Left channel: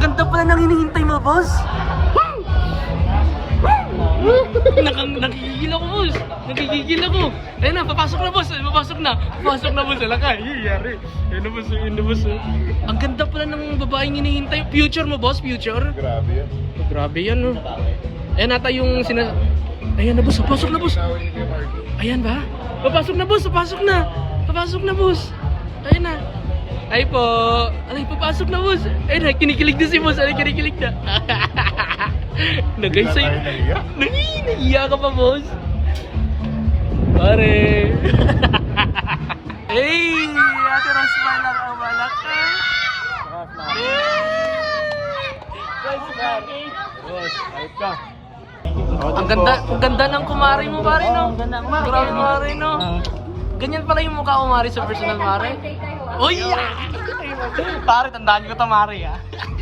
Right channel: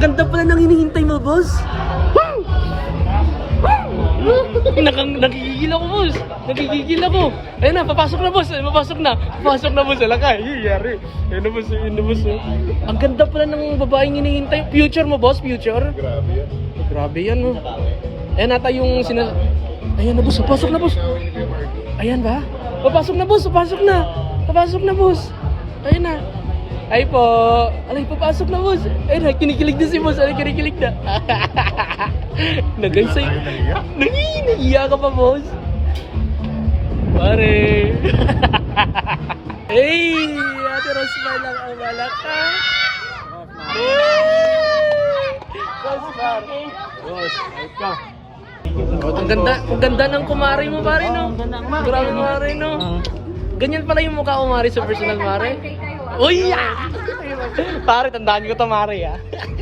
ganda pala nang hinihintay mo, boss. Nakang, nakikigil ako, boss. Nakikigil ako. Ayun na, papasok na, boss. Papasok na. Papasok na, boss. Alaka, yari. Ayun na, boss. Ayun na, boss. Ang ganda pala ng babaeng hinihintay. Future mo, boss. Future. Grabe yan. Grabe yan, no. Ayan ata yung sina... Ayan na, boss. Papasok na, boss. Ayan ba? Papasok na, boss. Papasok na. Papasok na, boss. Ayan na. Ay po. Alay, papasok na, boss. Ayun na, kinikilig na si boss. Alay, kinikilig na. na guys, ay... Naiyak. Nagi, nahiya ka pa, boss. Pare. hey, Ate Rosmar lang ang malaki. Boss, ayot ka. Ang ganda, ang ganda ng kumari mo pare no. Grabe kumari no. Ganyan pala yung mukha ko mare sa personal mare. Uy! pare, tandaan ko to mare ah.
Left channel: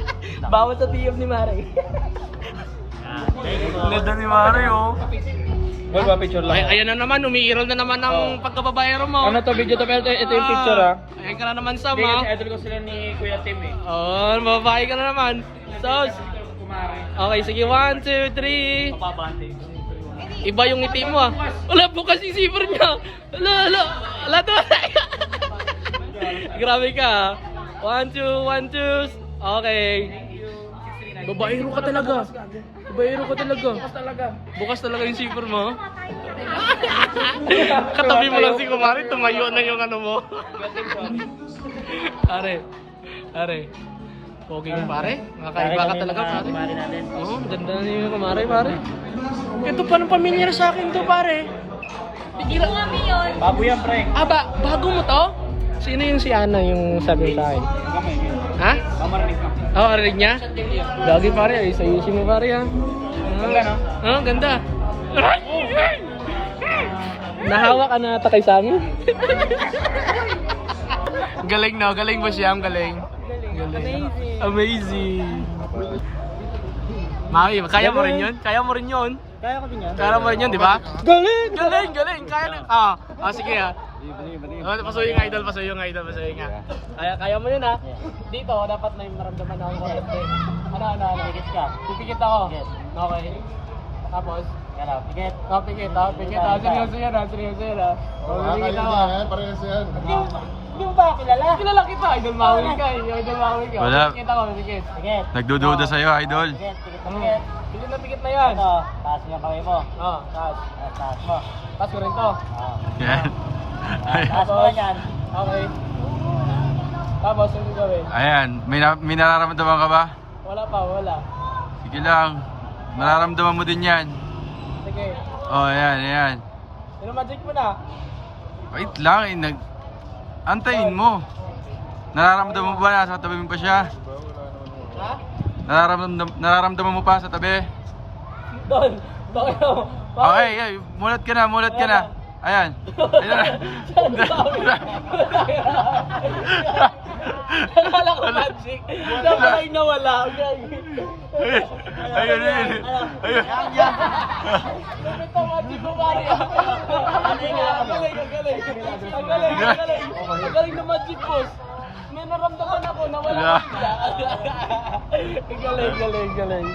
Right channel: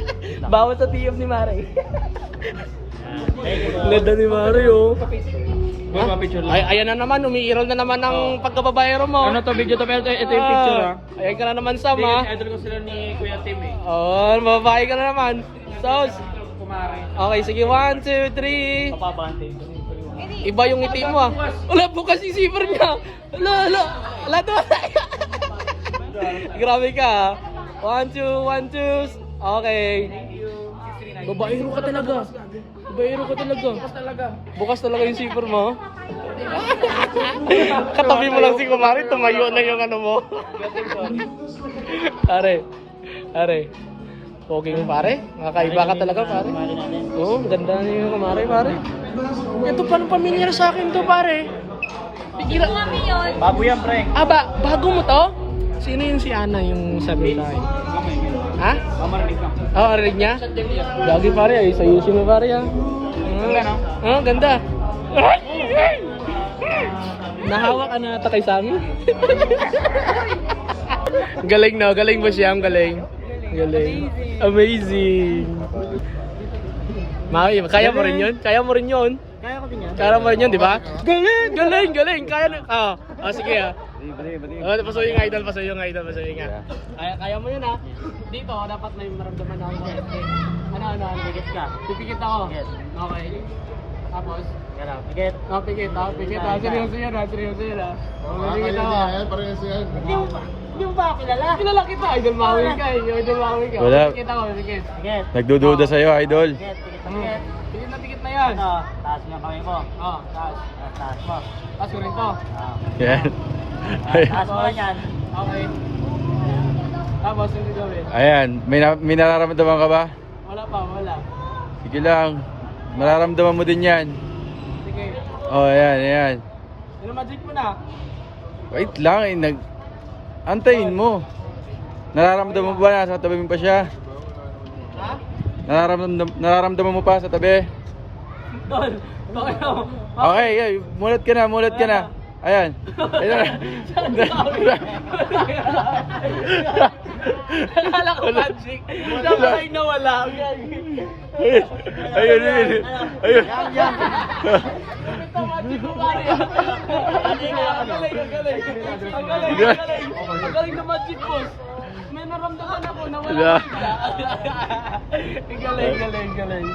Bawal sa TF ni mare. Ganda ni mare oh. Boy, pa picture Ay, ayan na naman, umiiral na naman ang pagkababayero mo. Ano to video to pero ito yung picture ah. Ayan ka na naman Sam ah. idol ko sila ni Kuya Tim eh. Oh, mababae ka na naman. Sos. Kumari. Okay, sige. One, two, three. Iba yung ngiti mo ah. Wala bukas yung zipper niya. Wala, wala. Wala to. Grabe ka ah. One, two, one, two. Okay. Babaero ka talaga. Babaero ka talaga. Bukas talaga. Bukas talaga yung zipper mo. Katabi mo lang si Kumari, tumayo na yung ano mo. Are. Are. Pogi mo pare. Nakakaiba ka talaga pare. Oo, ganda niyo yung kumare pare. Ito pa ng pamilyar sa akin to pare. Bigla. Bago yan, pre. Ah, ba, bago mo to? Sino yung si Ana yung sabi sa akin? Ha? Oo, oh, arinig niya? Lagi pare, ay sa yushi mo pare yan. Ganda, no? Ah, ganda. Nahawa ka na ata kay Sammy? galing no, galing ba siya? Galing. Galing. Amazing. Maki, kaya mo rin yun? Kaya mo rin yun? Kaya ko din yan. Kaya mo rin yun, di ba? Galing, galing, galing. Kaya na. Ah, ah sige ah. Oh, pasuyo nga idol, pasuyo nga idol, pasuyo nga. Kaya, kaya mo yun ha. Dito, dapat may maramdaman ako konti. Ano, ano, ano. Pikit ka. Pipikit ako. Okay. Tapos? Kaya, pikit. Oh, pikit, oh, pikit. Oh, seryoso yan, ah, seryoso yan, ah. Oh, pikit ako. Parehas yan. Hindi mo ba kilala? Kilala kita, idol mawi ka, eh. idol mawi ka. Wala. Pikit ako, pikit. Pikit. Nagdududa sa'yo, idol. Pikit, pikit, pikit. Pikit na pikit na yan. Ito, taas mo yung kamay mo. Oh, taas. Taas, taas mo. Taas ko rin to. Ah. Yan. Ay- Taas mo yan. Okay. Tapos, ano gawin? Ayan, may, na, may nararamdaman ka ba? Wala pa, wala. Sige lang. Nararamdaman mo din yan. Sige. Oh, ayan, ayan. Ano magic mo na? Wait lang, eh, nag... Antayin mo. Nararamdaman mo ba nasa tabi mo pa siya? Ha? Nararamdam, nararamdaman mo pa sa tabi? Tol, bakit ako? Okay, okay, mulat ka na, mulat ka na. Ayan. Ayan. Akala ko magic. Sabay nawala. Ayun, ayun. Ayun. Ito magic ko pare. Ang galing, ang galing, ang galing. Ang galing, ang galing. Ang galing na magic boss. May naramdaman ako na wala. Ang galing, galing, galing.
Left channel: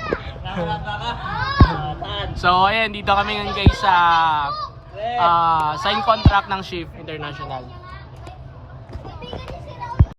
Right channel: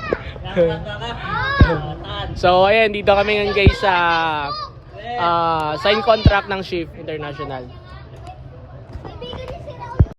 So ayan, dito kami ngayon guys sa ah, sign contract ng Shift International.